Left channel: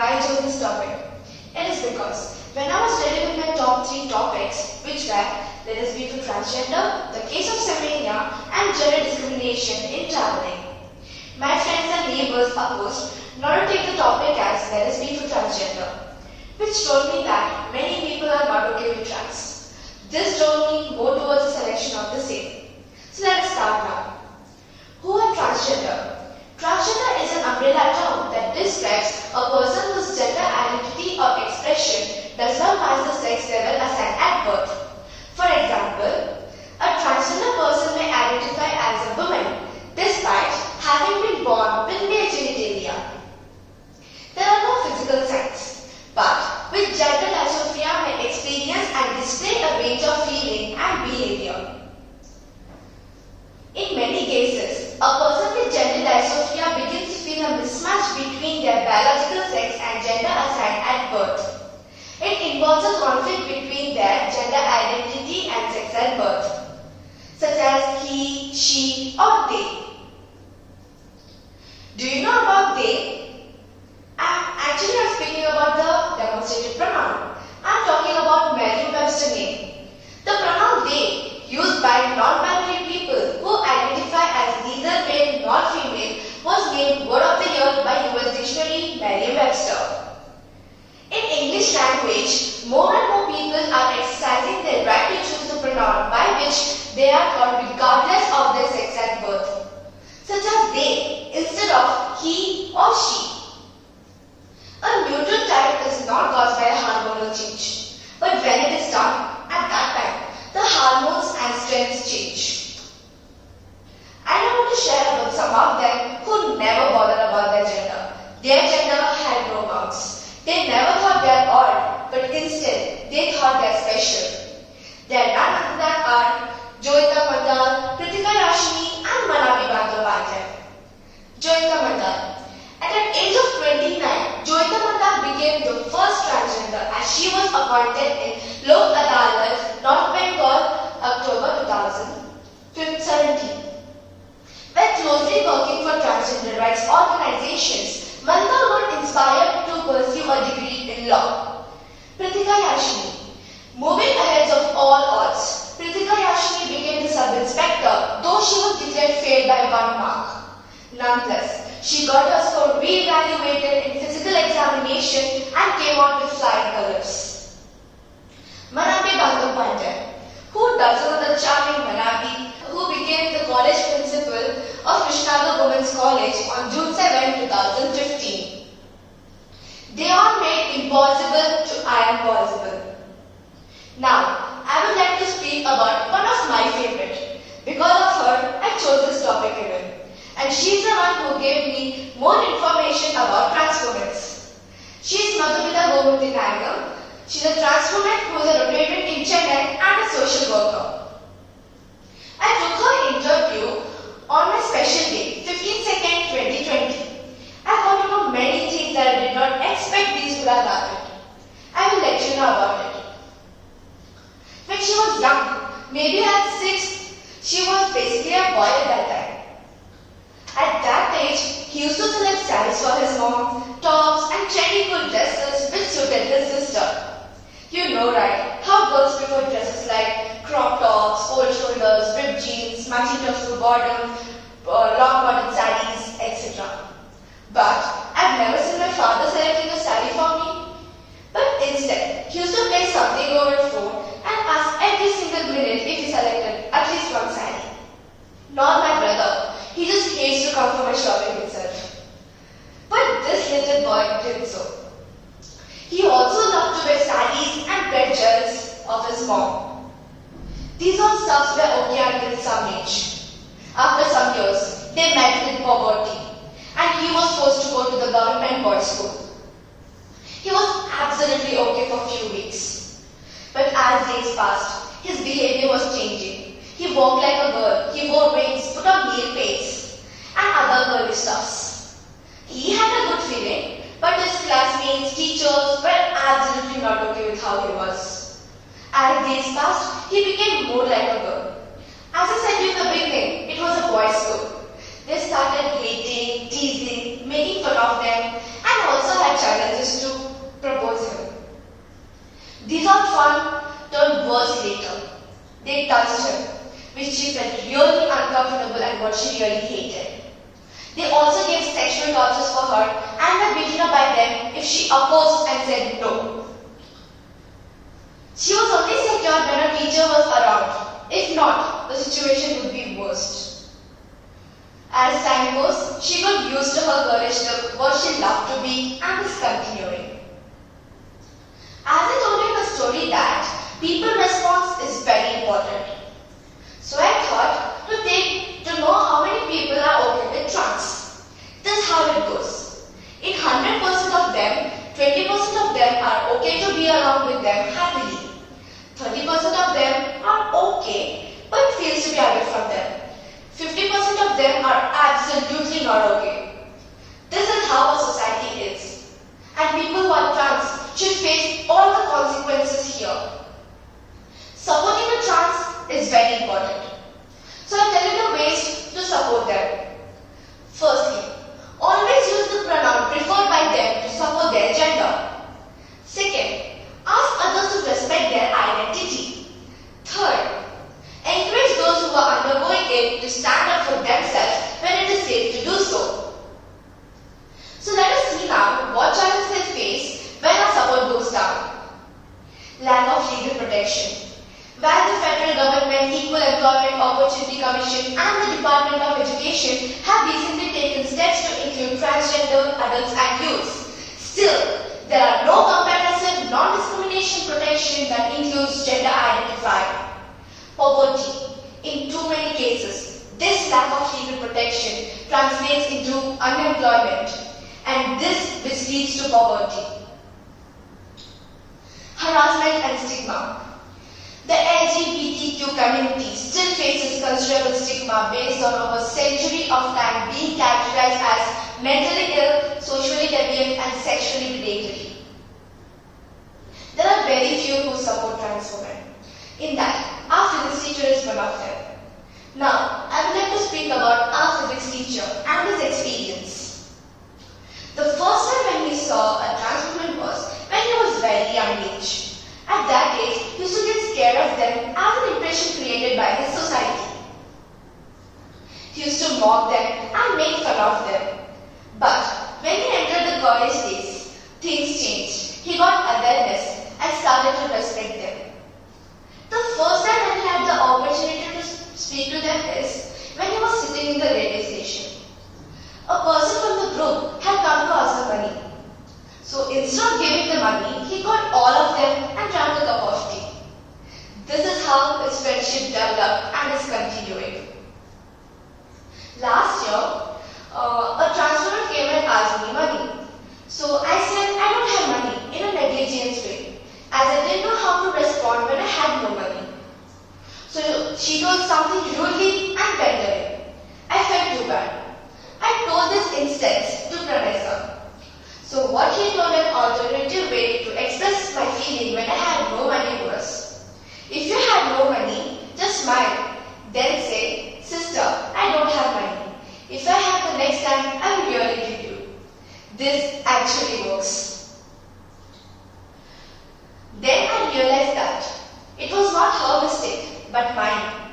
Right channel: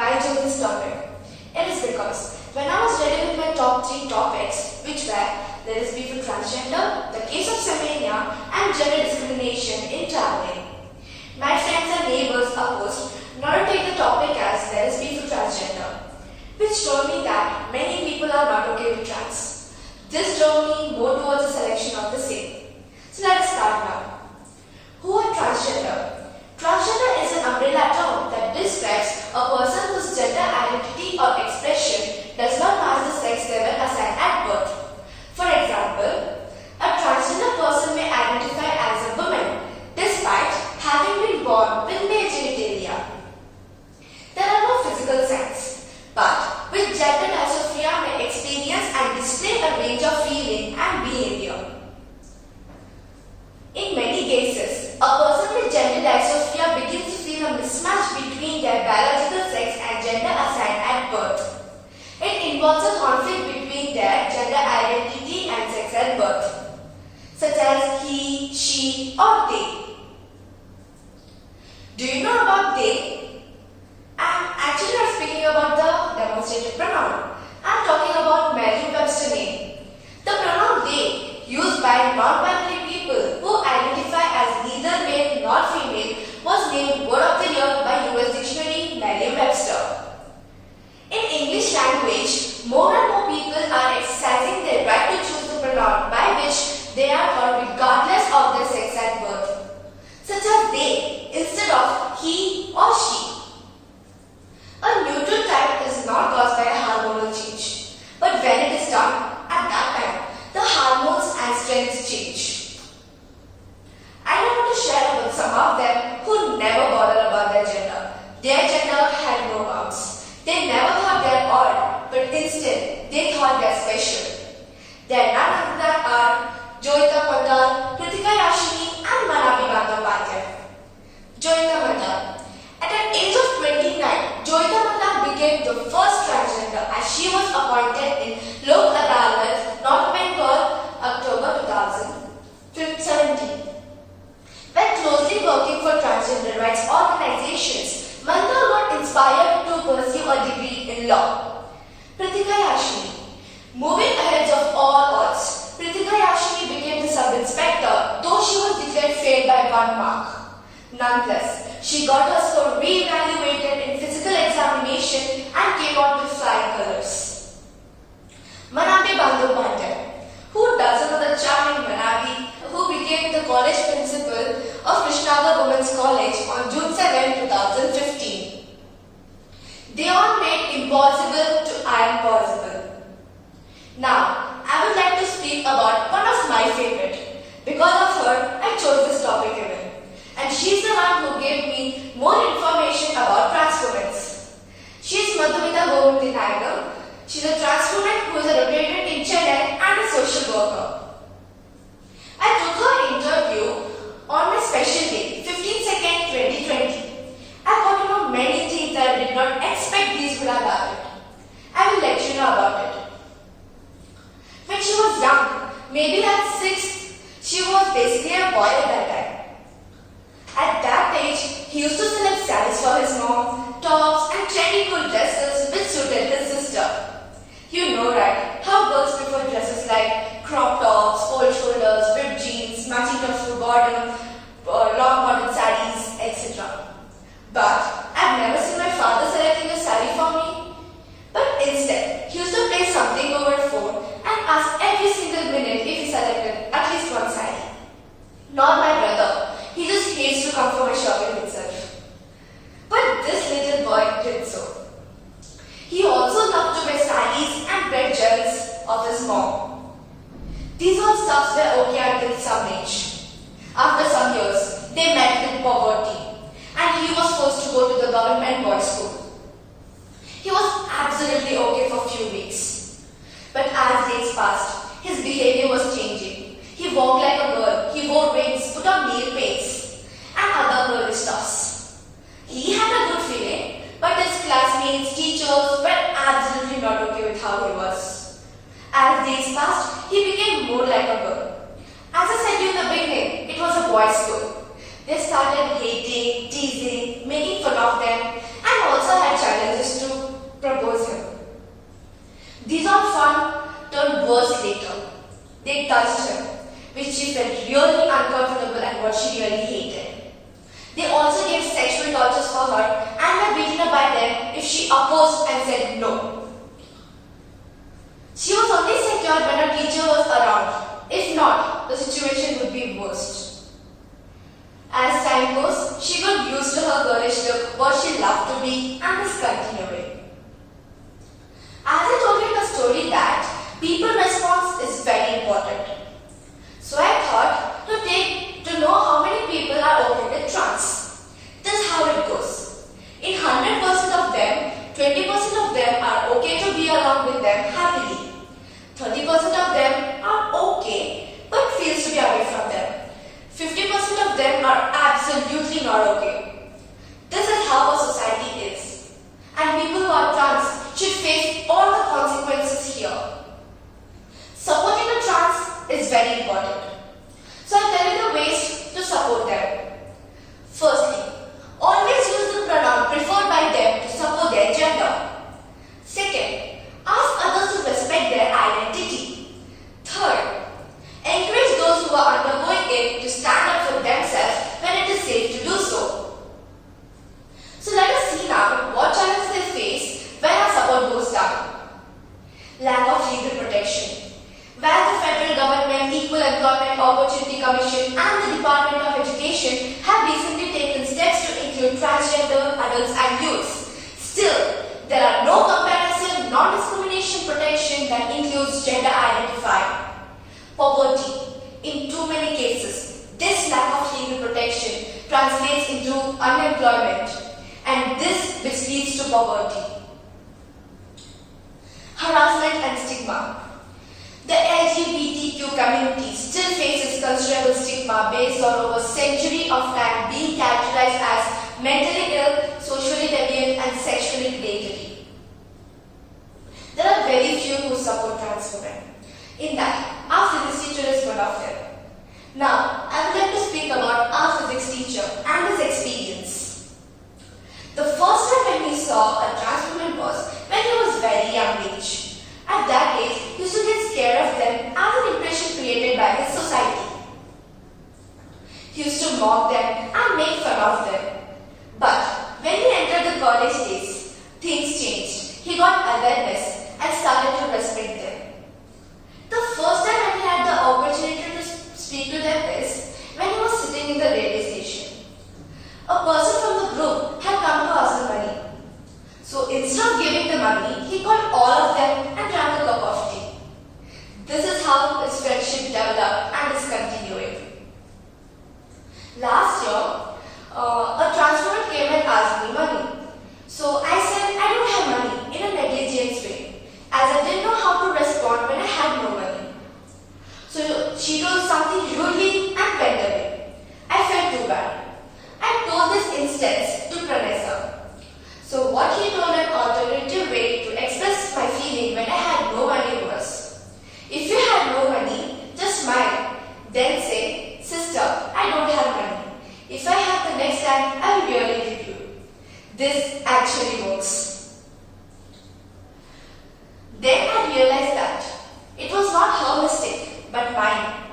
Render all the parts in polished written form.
why I chose this topic? It is because when I was ready with my top 3 topics, which were there is beef with transgender, the case of Shreya, and gender discrimination in traveling. My friends and neighbors opposed not to take the topic as there is beef with transgender, which told me that many people are not okay with trans. This drove me more towards the selection of the same. So let's start now. Who are transgender? Transgender is an umbrella term that describes a person whose gender identity or expression does not match the sex level assigned at birth. For example, a transgender person may identify as a woman despite having been born with male genitalia. There are no physical signs, but with gender dysphoria may experience and display a range of feeling and behavior. In many cases, a person with gender dysphoria begins to feel a mismatch between their biological sex and gender assigned at birth. It involves a conflict between their gender identity and sex at birth, such as he, she, or they. Do you know about they? I'm speaking about the demonstrative pronoun. I'm talking about Merriam-Webster name. The pronoun they, used by non-binary people who identify as neither male nor female, was named Word of the Year by US Dictionary Merriam-Webster. In English language, more and more people are exercising their right to choose the pronoun by which they are called regardless of their sex at birth, such as they instead of he or she. A neutral type is not caused by a hormonal change, but when it is done, at that time, the hormones and strengths change. I want to share about some of them who never bothered about their gender. Their gender had no bounds. They never thought they are odd, but instead they thought they are special. They are none other than are Joyita Mandal, Kritika Varshini, and Manavi Bandopatya. Joyita Mandal. At an age of 29, Joyita Mandal became the first transgender as she was appointed in Lok Adalat, North Bengal, October 2017. By closely working for transgender rights organizations, Mandal got inspired to pursue a degree in law. Kritika Varshini. Moving ahead of all odds, Kritika Varshini became the sub-inspector, though she was declared failed by 1 mark. Nonetheless, she got her score re-evaluated in physical examination and came out with flying colors. Manavi Bandopatya. Who doesn't know the charming Manavi, who became the college principal of Krishnagar Women's College on June 7, 2015. They all made impossible to I am possible. Now, I would like to speak about one of my favorite. Because of her, I chose this topic even. And she's the one who gave me more information about trans women. She's Madhumita Govinda Nagar. She's a trans woman who is a rotator in Chennai and a social worker. I took her interview on my special day, 15/2, 2020. I got to know many things that I did not expect these would have happened. I will let you know about it. When she was young, maybe at 6, she was basically a boy at that time. At that age, he used to select sarees for his mom, tops and trendy cool dresses which suited his sister. You know right, how girls prefer dresses like crop tops, old shoulders, ripped jeans, matching tops for bottom, long bottom sarees, etc. But I've never seen my father selecting a saree for me. But instead, he used to play something over the phone and ask every single minute if he selected at least one saree. Not my brother. He just hates to come for my shopping himself. But this little boy did so. He also loved to wear sarees and red gels of his mom. These all stuffs were okay until some age. After some years, they met in poverty and he was forced to go to the government boys' school. He was absolutely okay for a few weeks. But as days passed, his behavior was changing. He walked like a girl, he wore rings, put on nail paints, and other girly stuffs. He had a good feeling, but his classmates, teachers were absolutely not okay with how he was. As days passed, he became more like a girl. As I said to you in the beginning, it was a boys' school. They started hating, teasing, making fun of them, and also had challenges These all fun turned worse later. They touched her, which she felt really uncomfortable and what she really hated. They also gave sexual tortures for her and were beaten up by them if she opposed and said no. She was only secured when her teacher was around. If not, the situation would be worse. As time goes, she got used to her girlish look, what she loved to be, and is continuing. As I told you in the story that people response is very important. So I thought to know how many people are okay with trans. This is how it goes. In 100% of them, 20% of them are okay to be along with them happily. 30% of them are okay but feels to be away from them. 50% of them are absolutely not okay. This is how a society is. And people who are trans should face all the consequences here. Supporting the trans is very important. So I'll tell you the ways to support them. Firstly, always use the pronoun preferred by them to support their gender. Second, ask others to respect their identity. Third, encourage those who are undergoing it to stand up for themselves when it is safe to do so. So let us see now what challenges they face when our support goes down. Lack of legal protection. While the federal government, Equal Employment Opportunity Commission and the Department of Education have recently taken steps to include transgender adults and youths, still there are no comprehensive non-discrimination protection that includes gender identifier. Poverty. In too many cases, this lack of legal protection translates into unemployment, and this which leads to poverty. Harassment and stigma. The LGBTQ community still faces considerable stigma based on over a century of time being characterized as mentally ill, socially deviant and sexually predatory. There are very few who support trans women. In that, our physics teacher is one of them. Now, I would like to speak about our physics teacher and his experience. The first time when he saw a trans woman was when he was very young age. At that age, he used to get scared of them as an impression created by his society. He used to mock them and make fun of them. But when he entered the college days, things changed. He got awareness and started to respect them. The first time when he had the opportunity to speak to them is when he was sitting in the railway station. A person from the group had come to ask for money. So instead of giving the money, he called all of them and drank a cup of tea. This is how his friendship developed and is continuing. Last year, a trans woman came and asked me money. So I said I don't have money in a negligent way, as I didn't know how to respond when I had no money. So she told something rudely and went away. I felt too bad. I told this instance to Pranessa. So what he told an alternative way to express my feeling when I had no money was, if you had no money, just smile. Then say, sister, I don't have money. If I have the next time, I will really give you. This actually works. Then I realized that it was not her mistake, but mine.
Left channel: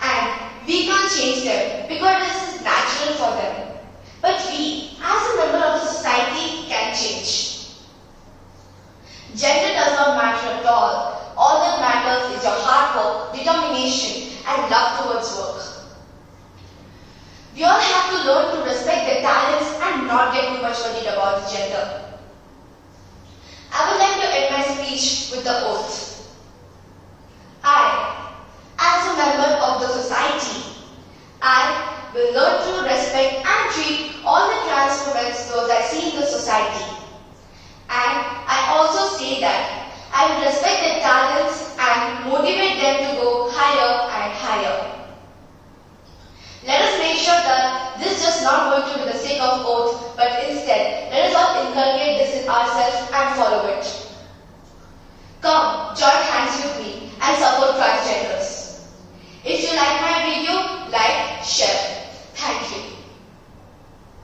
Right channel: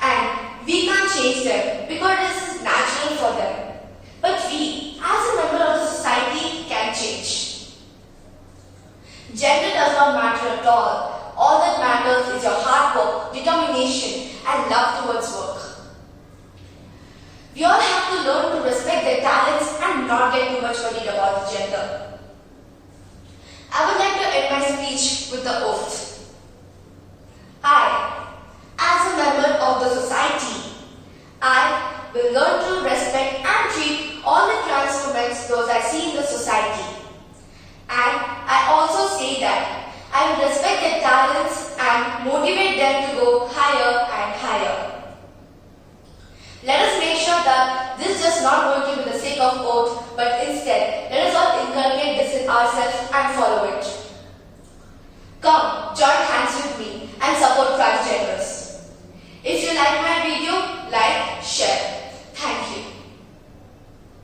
And we can't change them because this is natural for them. But we, as a member of the society, can change. Gender does not matter at all. All that matters is your hard work, determination, and love towards work. We all have to learn to respect their talents and not get too much worried about the gender. I would like to end my speech with the oath. I, as a member of the society, I will learn to respect and treat all the trans women those I see in the society. And I also say that I will respect their talents and motivate them to go higher and higher. Let us make sure that this is just not going to be the sake of oath, but instead, let us all inculcate this in ourselves and follow it.